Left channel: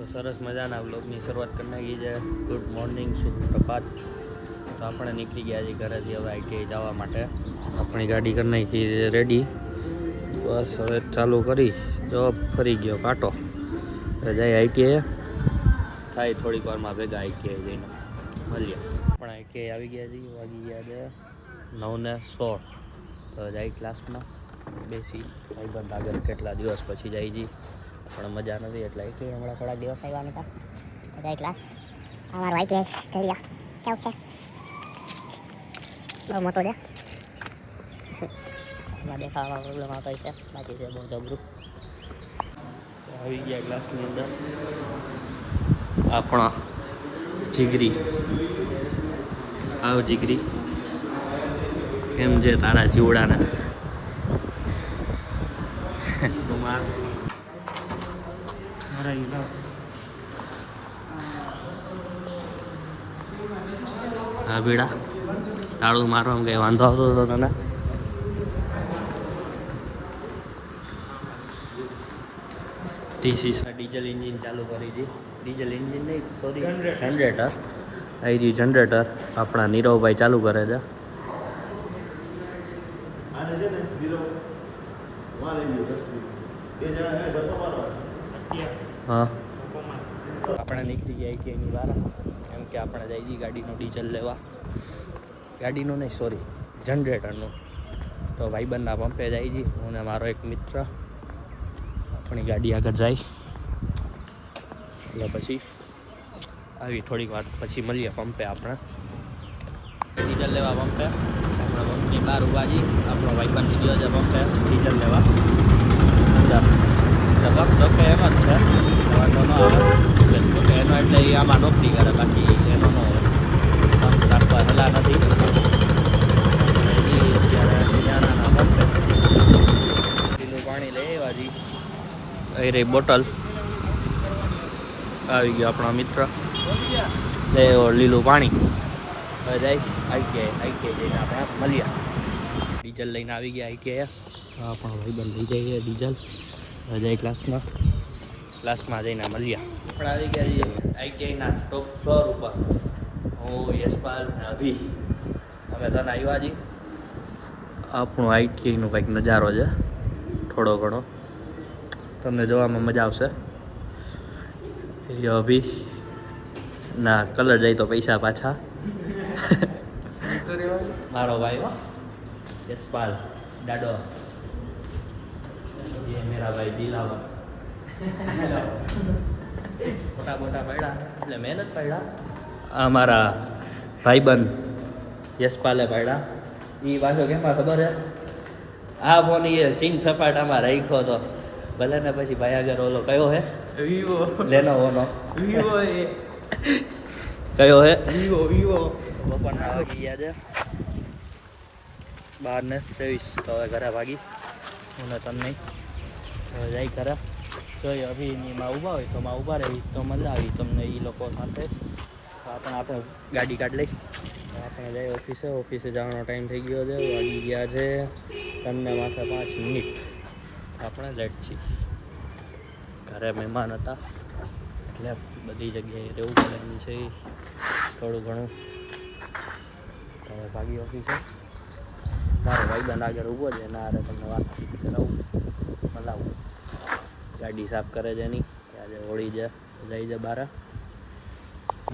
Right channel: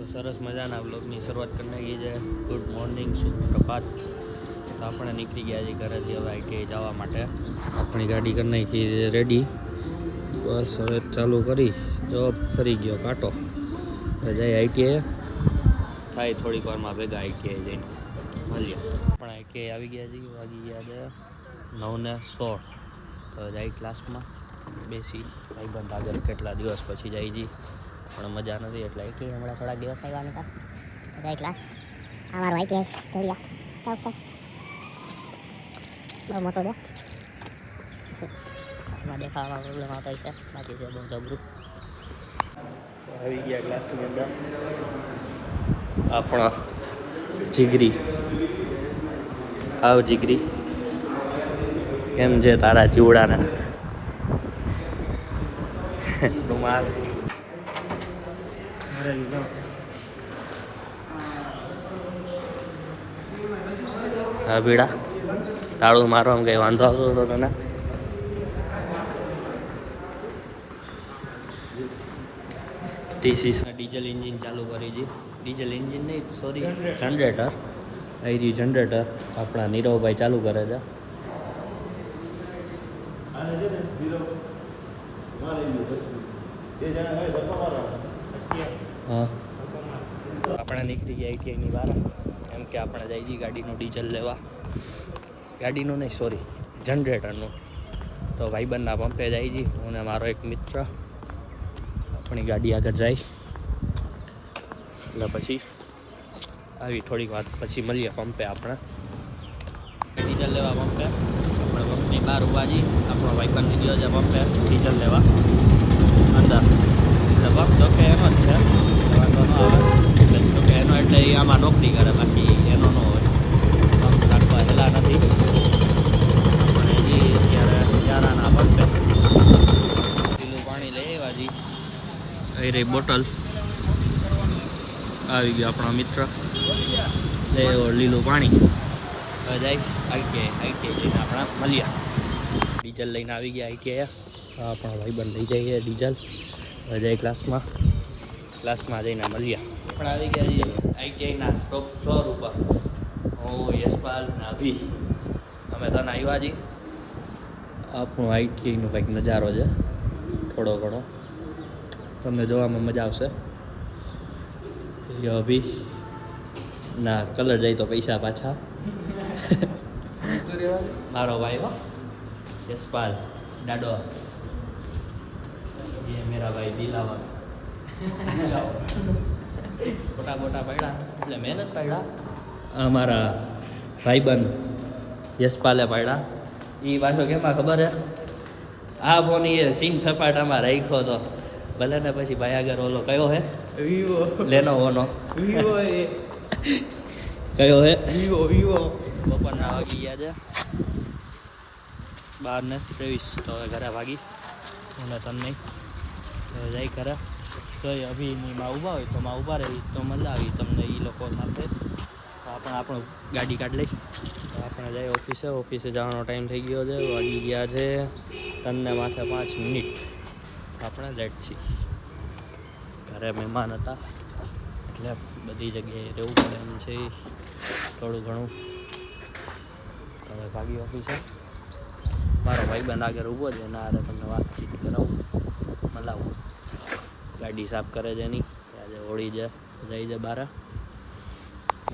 તો સરસ મજાના બ્લોગની શરૂઆત કરી નાખી છે. ગુડ મોર્નિંગ શુભ પ્રભાત. તો આપણે નીકળી ગયા છીએ ઘરેથી હવે આઈટીઆઈ જવા માટે. આપણી ગાડી કરી નાખી છે રેડી બસ હવે ચાલુ કરી, જવાબ ફરી ગયો કાંટો. જાય આઈટીઆઈ થાય થોડીક વારમાં ભેગા આઈટીઆઈ જઈને. મળીએ. પણ આઈટીઆઈ આવી ગયા છીએ, વાગી ગયા છે નવ ને સોળ. તો જાય ક્લાસમાં બેસી. ભાઈબંધ આગળ કેટલા દિવસ પછી જાય છે? પણ મજા નથી એટલે કે હમણાં થોડા દિવસ આવ્યા નતા બધા ક્લાસ અમારો આઈટીએસ સ્ટેડિયા કેવું છે? બહુ મોટો છે. એમાં દેખાવામાં પ્રોબ્લેમ આવતો છે. બાકી છે બહુ જબરું. આવી ગયા ક્લાસની અંદર. આપણા જીગરી. આવ જીગરી. કેમ છે તારા ચીવડાના રૂમાલ હા બીડા. તાળું મારવામાં કઈ વાંધો આવતો હતો તને? ટીસી ડીઝલ એન્જિન ચાલુ કરી છે. ડીઝલ એન્જિન નહીં સોરી જનરેટર આવી રહ્યું જનરેટર આપણા નીરવભાઈ ચાલુ કરે છે. હા. આપણે નીકળી ગયા આઈટીઆઈની બહાર. એમ કે આપણે જઈ જઈએ ગાડીનું ડીઝલ લેવા. ગાડીનું નહીં સોરી જનરેટરનું તો ભાઈબંધના પંપે જઈ જઈ હું ને મારો એક મિત્ર. આપણી ગાડી આગળ જાય. એટલે પછી આવી થોડીક વાર પછી મળીએ પંપે આપણે. ડીઝલ લેવા પંપે. આપણે પંપની બહાર ઊભા જઈ આપણો ભાઈબંધ ગયો છે પંપે. ડીઝલ લેવા અંદર એટલે પંપ તો કે એનો જ છે એટલે વાંધો ન આવે એટલે જો કે એનો એટલે એ આમાં નોકરી કરે બાકી એનો ન હોય. હેલા નથી. હજી અત્યારે યારાના પંપે પીલું પાણી લઈ આવ્યા જી. એ રહી બોટલ. આવી ગયો આપણો મિત્ર. લીલું પાણી. હવે જાય આઈટીઆઈ આઈટીઆઈ લઈને આપણે મળ્યા ડીઝલ લઈને આવી ગયા આઈટીઆઈ. આપણો ભાઈબંધ લઈ જઈએ ડીઝલ. હવે જાય ક્લાસમાં ક્લાસમાં જઈને મળ્યા આપણે આવી ગયા છીએ આઈટીઆઈના ટોપ ફ્લોર ઉપર હું યશપાલ ને અભી અમે તને આવ્યા છીએ આપણું આઈટીઆઈનો કંઈક નજારો છે થોડો ઘણો તમને જોવામાં મજા આવશે એ અભી ના કલર જાય તો પૈસા પાછા મારો ભાઈ હો યશપાલ દાડો ये मेरा भाई दिलावर મોટા મોટા પડ્યા. એટલે મહેનત પડ્યા. અમારા ભાઈબંધ યશપાલે પડ્યા. એ પાછો કેમાં ખબર હે? આ ફોન એ સિંગ સપાટામાં રાખ્યો હતો ભલે ને પછી ભાઈ આગળ ઓલો કયો હે? વિવો લેનો ઓનો વિવો એ. કયો હે? વિવો વિવો બપોરના વાગી ગયા છે. બાર ને ત્રેવીસ. તો હવે ઘરે ભાગી. હું ને તને નહીં હવે જાય ઘરે. કઈ અભિનીમાં ઊભા હોય તો માં ઊભા રહેવી તો મલાવી તમને એ લોકો સાથે. તો આપણે આપણું ગાડી કાઢ લઈ. આપણે જઈએ ઓફિસે. ઓફિસે જવાનો ટાઈમ થઈ ગયો છે. વાગી ગયા છે તમને માથે પાંચ મિનિટ. આપણે લેટ છીએ. ઘરે મહેમાન હતા. એટલે બધી જગ્યાએ રહેવું પડે એમ છે. થોડું ઘણું. હવે ભાગી ઓફિસે. મારો ભાઈબંધ આગળ ઊભો છે. એના હારે તમને વાતચીત કરાવું. મલાવું. ગાડી સાફ કરે છે એની. આજે હોળી છે જઈ છે બારા.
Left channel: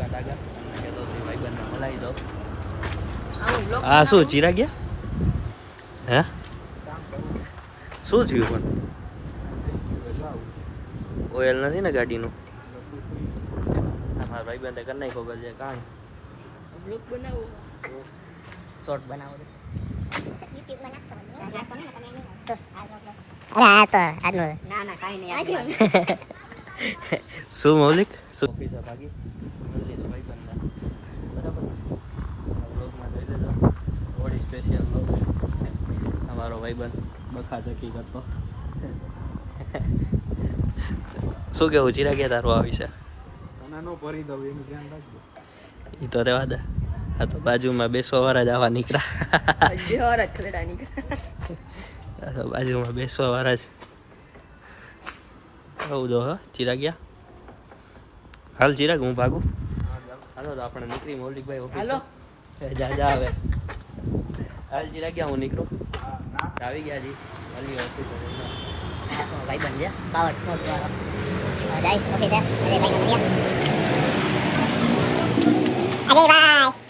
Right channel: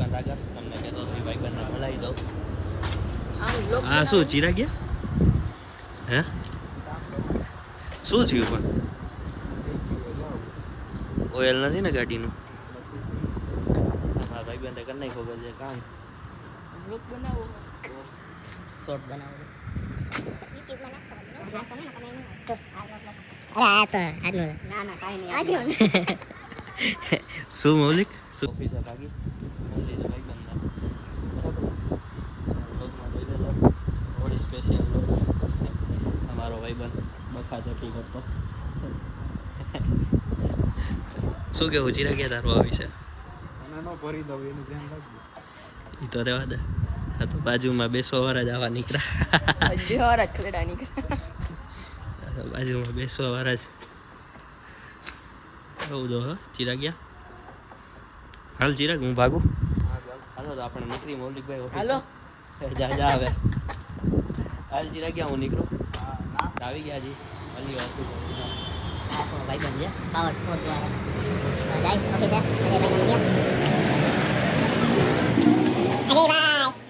આગળ તમને કહેતો હતો ભાઈબંધને મલાવી દઉં. હા શું ચીરા ગયા? હે? શું થયું પણ? ઓઇલ નથી ને ગાડીનું? મારા ભાઈબંધે કરી નાખ્યો ગજે કાંઈ. શોર્ટ બનાવો. અરે આ તો આજનું ના ના કાંઈ નહીં શું મૌલિક? શું? ઓફિસે ભાગી મળી છે ભાઈબંધને બરાબર બ્લોગમાં સ્પેશિયલ બ્લોગ અમારો ભાઈબંધ બખા કરતો શું કેવું? ચિરાગ્યા ગયા તારું આ વિશે તને નો ભરી દઉં એનું ધ્યાન રાખજો. એ તો રહેવા દે. આ તો બાજુમાં બેસવા વાળા જ આવા નીકળ્યા તો બાજુમાં બેસવા વાળા જ. આવું જો હા ચીરા ગયા હાલ ચિરાગ હું ભાગું? હાલો તો આપણે નીકળી મૌલિકભાઈ ઓફિસ. હાલો. જા જા આવે હાલ ચિરાગ ગયા હું નીકળું. આવી ગયા જી. હાલી ઓફિસ. ભાઈ બંધ છે પાવર સ્પોર્ટ વાળો. હવે જાય. ઓફિસે. અજયભાઈ અરે અજયભાઈ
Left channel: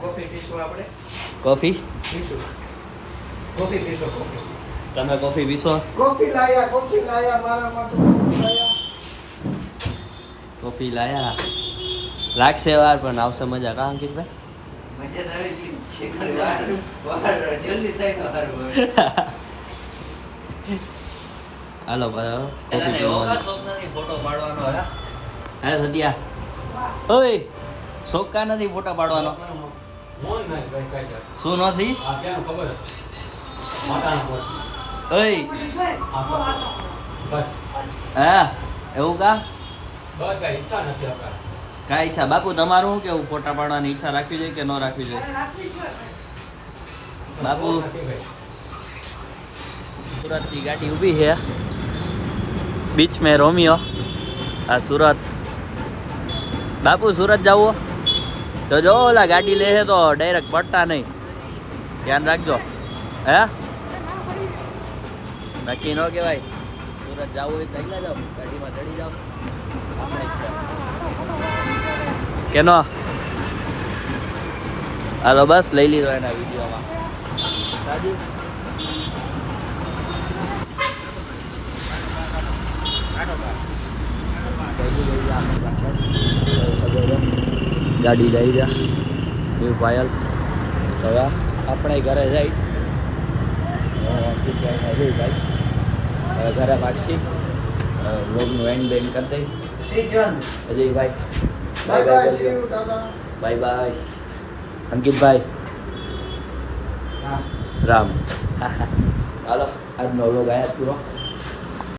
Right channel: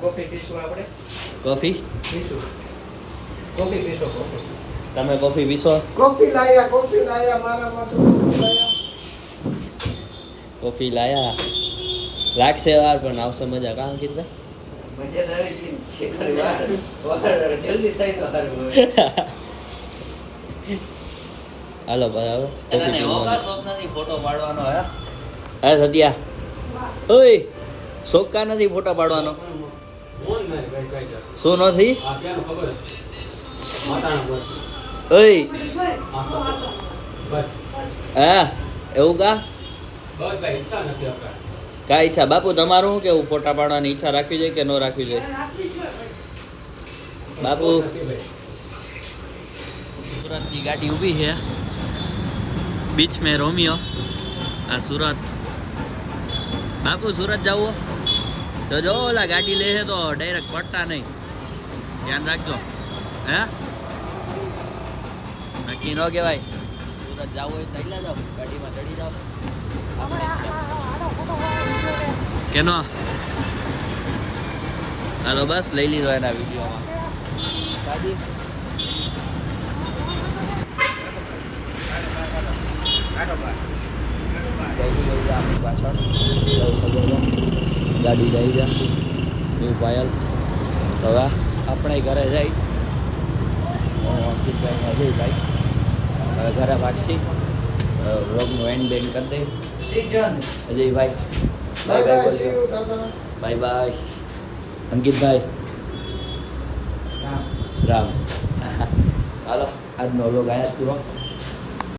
કોફી પીશું આપણે? કોફી? પીશું. કોફી પીશો કોફી. તમે કોફી પીશો? કોફી લાયા કોફી લાયા મારા માટે કોફી લાયા. લાગશે વાર પણ આવશે મજા. કા અંકિતભાઈ હાલો બરાબર. ફોટો પાડવાનો હે? હે સત્યા. ઓય શોખ કા નથી ફોટા પાડવાનો. શું નથી ઓય. હા, એવું કા? કા ઈચ્છા? બાપુ, તમારું શું કેવું? ફોટા પાડવાની ઈચ્છા રાખવી જોઈએ કે ન રાખવી જોઈએ? બાપુ. સુરતની ગાડી ઊભી છે. બીચ મેં રોમિયો. આ સુરત. બાપુ, સુરત જવું તો જો ઓલા ગાડી લે તો ડાયરેક્ટ પડતા નહીં. ધ્યાન રાખજો. હે? નક્કી ન કહેવાય. સુરત જવું હોય ચાલ્યા જાઓ. ગાડીમાં ચડી જાઓ. આપણે કેનો? હાલો બસ લઈ લીધો એના વિડીયોમાં. ગાડી લઈ જા, આપણી પાછળ. ગાડી લઈ જા. એ પાયલ હવે આપણે ઘરે જઈ. હું અંકિતભાઈ ને અજયભાઈ હવે ઘરે વાગશી. રોગનું એન્ડ બેન્ડ કરી દઈ. Ajaybhai bye bye bye bye Ankitbhai Ram. હાલો આજનો લોગ આયા પૂરો.